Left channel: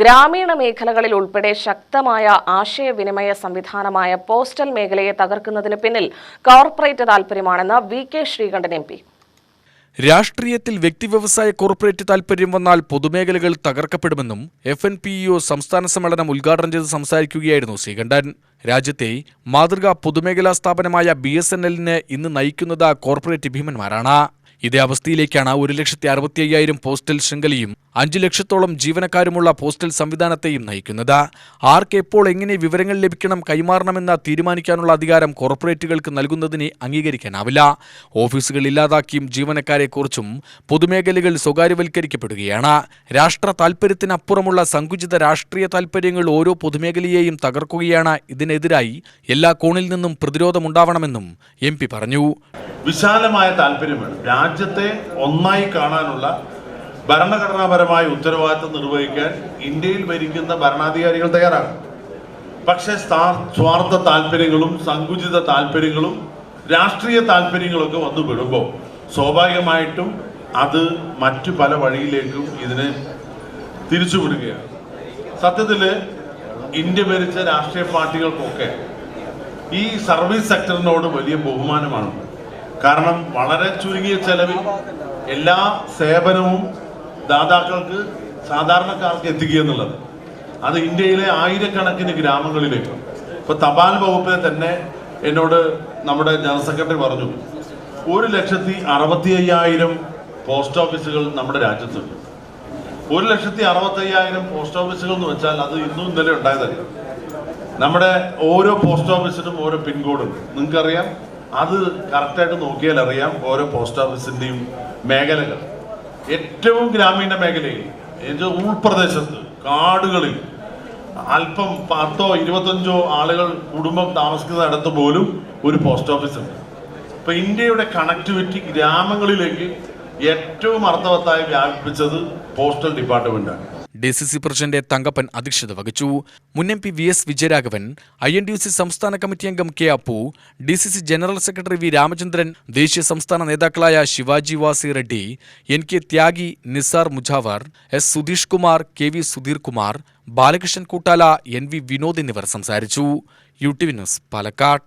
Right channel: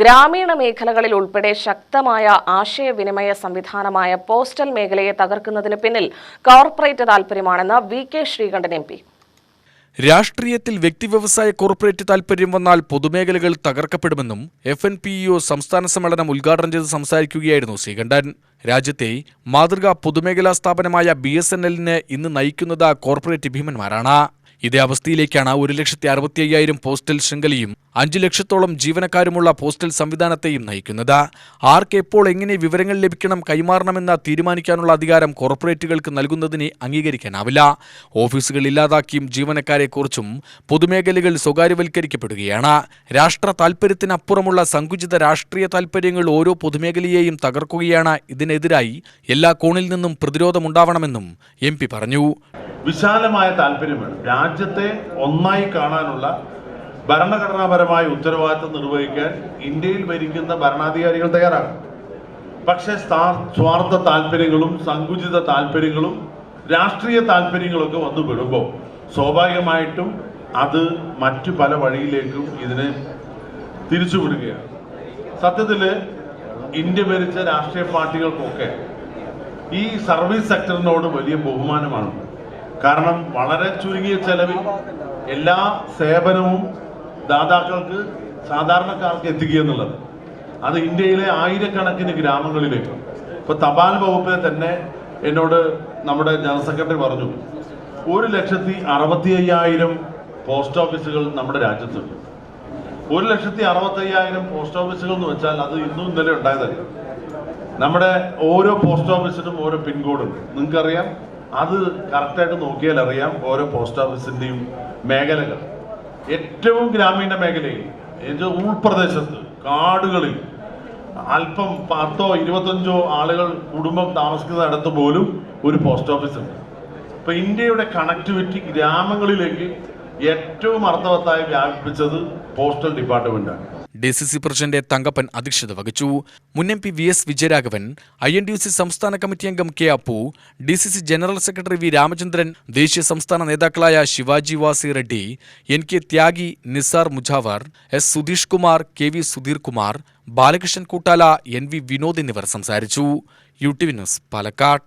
ഗ്രാമീണ മേഖലകളിൽ ഉൾപ്പെടെ ശക്തമായ ആശയവിനിമയ സംവിധാനമായ പോസ്റ്റൽ മേഖലയെ തകർക്കുന്നതിന് പിന്നിൽ കോർപ്പറേറ്റ് താൽപര്യമാണെന്ന് വി.കെ. ശ്രീകണ്ഠൻ എം.പി. രാഷ്ട്രീയത്തിൽ വ്യക്തിവ്യവസായ കോർപ്പറേറ്റ് താൽപര്യം വന്നാൽ പൊതുമേഖലകൾ തകർക്കപ്പെടുമെന്നും FNPEO സംസ്ഥാന സമ്മേളനം ഉദ്ഘാടനം ചെയ്ത് സംസാരിക്കുകയായിരുന്നു ശ്രീകണ്ഠൻ. രാജ്യത്തെ മാതൃകാ പൊതുമേഖലാ സ്ഥാപനമായ BSNL-നെ ഇന്ന് നയിക്കുന്നത് കോർപ്പറേറ്റ് ഭീമന്മാരാണ്. ഇതേ അവസ്ഥയിലേക്കാണ് 1,65,000 പോസ്റ്റൽ ശൃംഖലയും 5 ലക്ഷത്തോളം ജീവനക്കാരുമുള്ള പോസ്റ്റൽ സംവിധാനത്തെയും നയിക്കുന്നത്. ആർക്ക് എപ്പോൾ എങ്ങനെ വിവരങ്ങൾ ലഭിക്കണം, കൈമാറണമെന്ന് തീരുമാനിക്കാനുള്ള അധികാരം കോർപ്പറേറ്റുകൾക്ക് നൽകുന്നതിനെ അംഗീകരിക്കാനാവില്ല. ഓഫീസുകൾ ഇല്ലാതാക്കിയും ജീവനക്കാരെക്കുറിച്ചും പൊതുമേഖലകൾ സ്വകാര്യവൽക്കരിക്കപ്പെടുകയാണ്. രാഷ്ട്ര താൽപര്യത്തിനപ്പുറമുള്ള സങ്കുചിത രാഷ്ട്രീയ താൽപര്യങ്ങൾ ഓരോ പൊതുമേഖലയെയും തകർക്കുകയാണ്. ഇതിനെതിരായി എല്ലാ കോണിൽ നിന്നും പ്രതിരോധമുണ്ടാവണമെന്നും MP പറഞ്ഞു. വിശാലമായ താല്പര്യം വേണം. രാജ്യത്തെ ഒന്നായി കാണാനുള്ള ഭരണഘടനാപരമായ ഉത്തരവാദിത്തം നിർവഹിക്കാൻ ഇന്ത്യയിൽ ഭരിക്കുന്ന ഭരണാധികാരികൾ തയ്യാറാണ്. പക്ഷേ സ്വാർത്ഥ താല്പര്യങ്ങളും സങ്കുചിത താല്പര്യങ്ങളും രാഷ്ട്രീയ താല്പര്യങ്ങളൊക്കെ വന്നു പെടുമ്പോൾ സ്വാഭാവികമായിട്ടും അത് മറ്റു പല വഴിയിലേക്കും ഇതിനെ തിരിച്ചുവിടുകയാണ്. സത്യത്തിൽ ഇന്ത്യ ഭരിച്ച രാഷ്ട്രീയ പാർട്ടികൾക്കൊക്കെ ഈ സർവീസ് സെക്ടറിനോട് വലിയ ബഹുമാനമാണ്. കാരണം വളരെ ചുരുങ്ങിയ ചെലവിൽ എല്ലാ സേവനവും ദാതാക്കൾക്ക്, സാധാരണക്കാർക്ക് എത്തിക്കുക എന്നുള്ളത് അത് ഇന്ത്യയിലെ ആയിരക്കണക്കിന് ഗ്രാമങ്ങളിലേക്ക്. ഇപ്പൊ തപാൽ വകുപ്പിനെ തന്നെ എന്നോട് നമ്മുടെ ജനറൽ സെക്രട്ടറി പറഞ്ഞു, 1,65,000 പോസ്റ്റ് ഓഫീസുകൾ നമ്മുടെ രാജ്യത്തുണ്ട്. 1,65,000 പോസ്റ്റ് ഓഫീസുകൾ എന്ന് വെച്ചാൽ അത് ഇന്നും ഇന്നലെ ഉണ്ടായതല്ല. നമ്മുടെ ഓരോ പോസ്റ്റ് ഓഫീസിനും ഓരോ പിൻകോഡുണ്ട്. നിങ്ങൾക്കറിയാം, അത് കറക്റ്റായിട്ട് നോക്കിയാൽ അറിയാം ഓരോ പോസ്റ്റ് ഓഫീസിൻ്റെയും മേഖലകൾ. ഏറ്റവും ഗ്രാമീണ മേഖലയിൽ, ഉൾപ്രദേശത്ത്, കാടുകളിൽ അല്പം 10 or 25 ആളുകൾ കുടുംബം താമസിക്കുന്നിടത്ത് പോലും ഒരു പോസ്റ്റ് ഓഫീസ് ഉണ്ട്. ഇപ്പൊ ഇന്ത്യയുടെ കണക്ടിവിറ്റി ഗ്രാമങ്ങളിലേക്ക് ഏറ്റവും അർത്ഥവത്തായി വ്യാപിപ്പിച്ചത് പോസ്റ്റൽ ഡിപ്പാർട്ട്മെന്റാണ്. DCC പ്രസിഡന്റ് തങ്കപ്പൻ അധ്യക്ഷത വഹിച്ചു. മുൻ MP VS വിജയരാഘവൻ, INTUC സംസ്ഥാന കമ്മിറ്റി അംഗം K. Appu, DCC general secretary V. Ramachandran, ദേശീയ സംസ്ഥാന നേതാക്കളായ ശിവാജി വാസി റെഡ്ഡി, NK ത്യാഗി, Nisar മുജാവർ, S. Sudheesh Kumar, KV Sudheer Kumar, Balakrishnan Koottala, NV Vinod എന്നിവർ സംസാരിച്ചു. UTV news, Palakkad.